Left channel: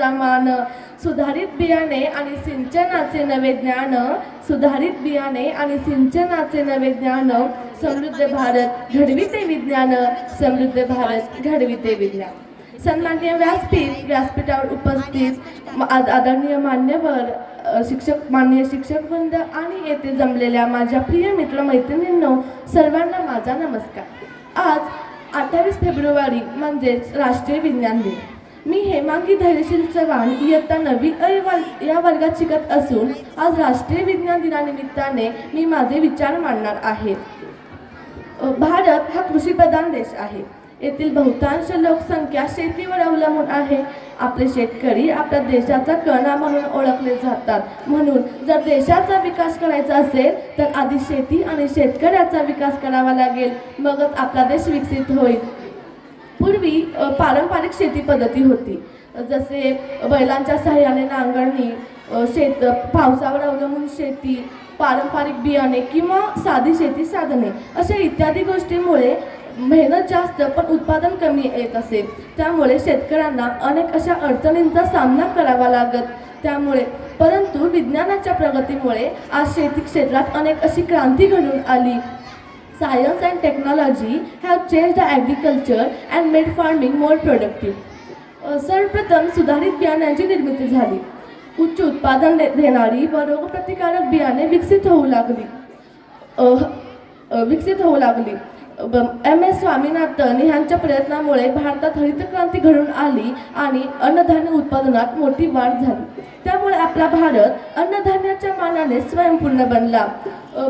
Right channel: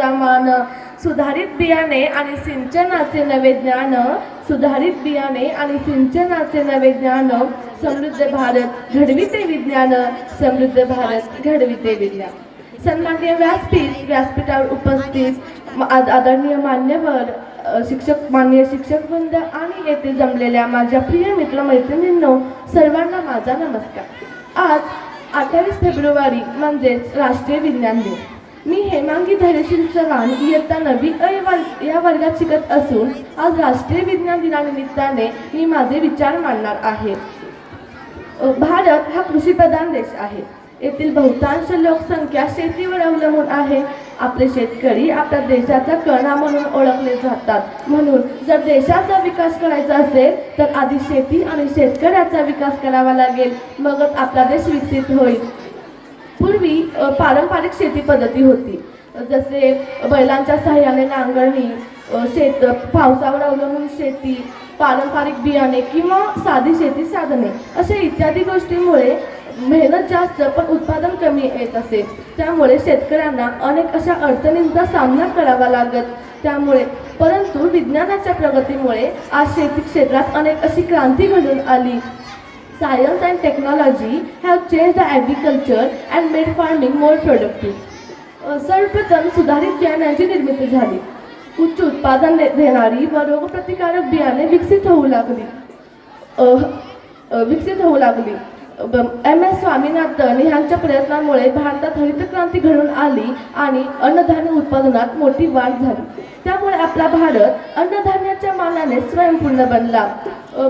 विज्ञानाचा मान, सुधारित बियाणे आणि सिंचनाचे नवे ज्ञान, सुधारित बियाणे आणि सिंचनाचे नवे ज्ञान, समृद्ध भारत घडविते विज्ञान, समृद्ध भारत घडविते विज्ञान. सन्माननीय व्यासपीठावर उपस्थित आदरणीय मान्यवर माननीय शिक्षक वृंद आणि येथे जमलेल्या माझ्या प्रिय मित्रमैत्रिणींनो, सर्वांना माझा नमस्कार. आज 28 फेब्रुवारी म्हणजेच राष्ट्रीय विज्ञान दिन. मी हेमांगी धैर्यशील चव्हाण इयत्ता 9वी अ या वर्गात शिकत असून आज राष्ट्रीय विज्ञान दिनानिमित्ताने मी माझे विचार मांडणार आहे. भारत हा कृषीप्रधान देश आहे. येथील बहुतांश लोकसंख्या शेतीवर अवलंबून आहे. आपले शेतकरी आपल्या देशाचा कणा म्हणून ओळखले जातात. म्हणून जर देशाचा विकास करायचा असेल तर आधी शेती आणि शेतकऱ्याचा विकास करावा लागेल, मगच आपला देश विकसित होईल. पूर्वी पारंपरिक शेती पद्धती होती, जसे बैलांच्या सहाय्याने नांगरणी, पावसावर अवलंबून शेती, पारंपरिक बियाणे किंवा साधी शेती साधने अशा इत्यादी गोष्टींमुळे मेहनत जास्त पण उत्पादन कमी येत असे. त्यामुळे शेतकऱ्यांना अनेक अशा अडचणींचा सामना करावा लागत. परंतु विज्ञानाच्या प्रगतीमुळे आज शेती क्षेत्रात अनेक अशी क्रांती घडून आली. Science and technology have changed the agriculture and made farming more productive. सर्वप्रथम सुधारित बियाण्यांची निर्मिती झाली. उच्च उत्पादन देणारी व रोगप्रतिकारक बियाणे विकसित होऊ लागली. MS स्वामीनाथन यांच्या प्रयत्नामुळे भारतात हरित क्रांती घडून आली आणि अन्नधान्य उत्पादनात मोठी वाढ झाली. त्यामुळे आपला भारत अन्नधान्याच्या मानाने स्वयंपूर्ण बनला.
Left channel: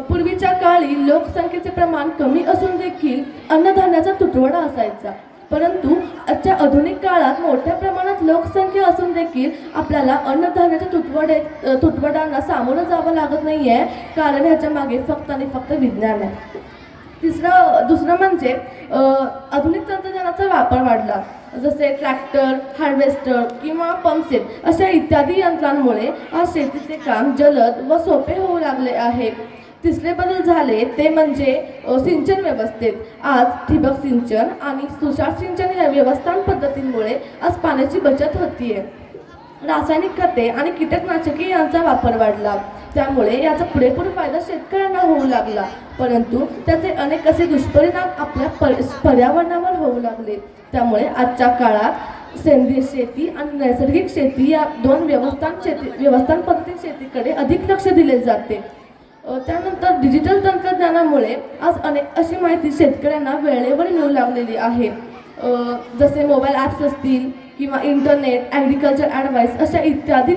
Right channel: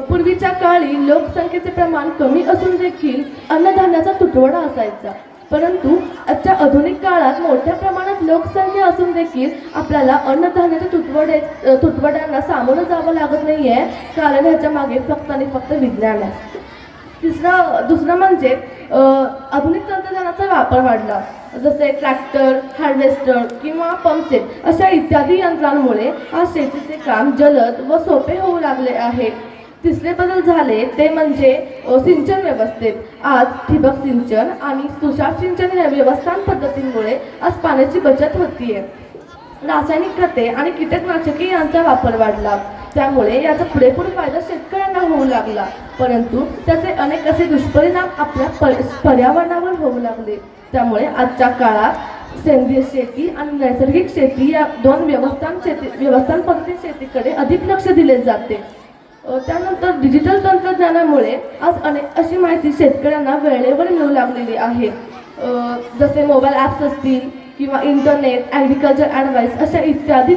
पूर्वीच्या काळी लोकसंख्येचे प्रमाण कमी असून देखील अन्नधान्याचा तुटवडा असायचा. परंतु आजच्या आधुनिक काळात मोठ्या प्रमाणात लोकसंख्या असून देखील आपल्याला अन्नधान्याच्या तुटवड्यांना सामोरं जावं लागत नाहीये, कारण ह्याच्या मागे फक्त आणि फक्त विज्ञान आहे. दुसरं म्हणजे आधुनिक तंत्रज्ञानाचा वापर वाढला, जसे ट्रॅक्टर, हार्वेस्टर किंवा पंपसेट अशा इत्यादी यंत्रांमुळे आज शेतीचे काम जलद व सोपे होऊ लागले आहे. तिसरे बदल झाले ते म्हणजे सिंचन व्यवस्थेत. आज ठिबक सिंचन आणि तुषार सिंचन या व्यवस्थापन पद्धतींमुळे आज पाण्याची बचत होतीये. रासायनिक खते आणि कीटकनाशके यांचा वापर वाढला, त्यामुळे याचा पुरेपूर फायदा शेतकऱ्यांना होऊ लागला. परंतु त्याचे अनेक असे दुष्परिणाम आपल्या पर्यावरणावर होऊ लागले. त्यामुळे आजच्या काळात सेंद्रिय शेती आणि नैसर्गिक शेती या दोन व्यवस्थापन पद्धती शेतीकडे अधिक लक्ष दिले जाते. त्यानंतर डिजिटल तंत्रज्ञानामुळे आज अनेक अशी माहिती शेतकऱ्यांना वेळेवर मिळू लागलेली आहे. जसे मोबाईल ॲप्स असतील किंवा इंटरनेट, ॲग्रिकल्चर ॲडवाईस अशा इत्यादी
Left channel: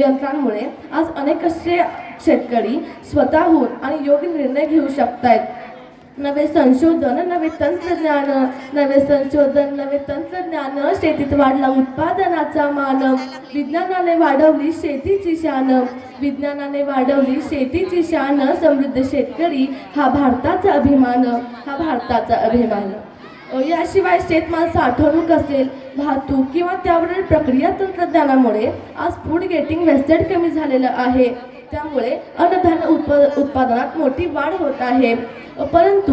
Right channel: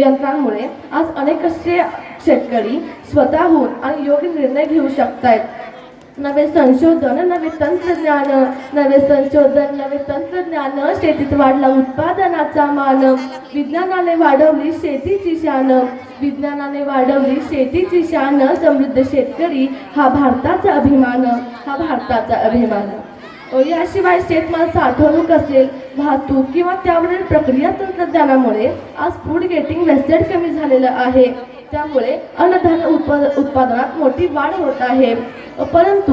यंत्रांमुळे आज अनेक असे शेतकरी स्वतःहून आणि योग्य निर्णय घेऊ शकतात. नवे संशोधन, नवे तंत्रज्ञान, शेतीत वाढला उत्पादनाचा मान, विज्ञानाने वाढवली शेतीची शान, समृद्ध शेतकरी हा भारताचा अभिमान. याशिवाय शेतमाल साठवणूक असेल, वाहतूक किंवा त्यावरील प्रक्रिया तंत्रज्ञानामुळे आज फूड गेटिंग वेस्टेज कमी झालेलं आहे. त्यामुळे अन्नधान्य उत्पादनात मोठी वाढ होत आहे. परंतु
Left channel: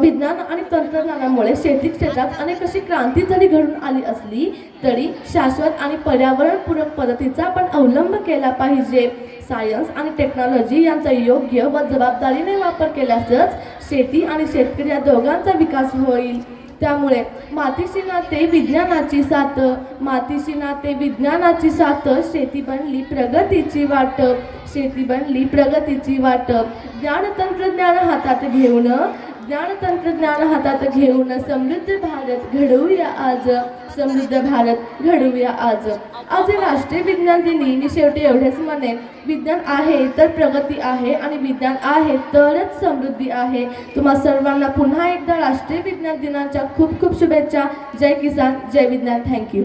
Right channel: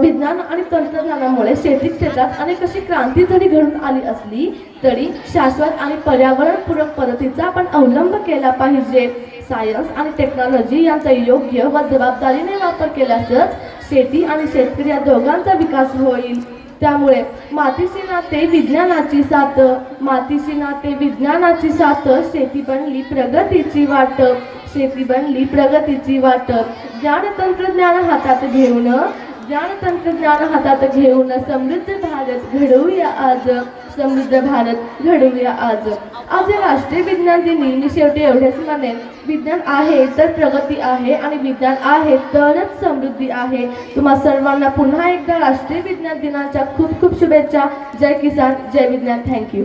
विज्ञान आणि तंत्रज्ञानामुळे शेती क्षेत्रात अनेक अशी क्रांती जरी घडून आली असली तरी शाश्वत आणि पर्यावरणपूरक पद्धतीचा आपण अवलंब केला पाहिजे. सायन्स आणि टेक्नॉलॉजी यांचा योग्य व जबाबदारीने वापर केल्यासच शेती आणि शेतकरी या दोघांचा विकास होईल. त्यामुळे मातीशी नाते विज्ञानाची साथ, शेती बनली प्रगतीची वाट. ज्ञान तंत्रज्ञान हातात घेऊन समृद्ध भारत घडवूया आज. आज या राष्ट्रीय विज्ञान दिनी मी शेवटी एवढेच म्हणेन, विज्ञान आहे तर प्रगती आहे आणि विज्ञान आहे तरच समृद्धी आहे. तुम्हा सर्वांना पुन्हा एकदा राष्ट्रीय विज्ञान दिनाच्या खूप खूप शुभेच्छा. जय किसान, जय विज्ञान. थँक्यू.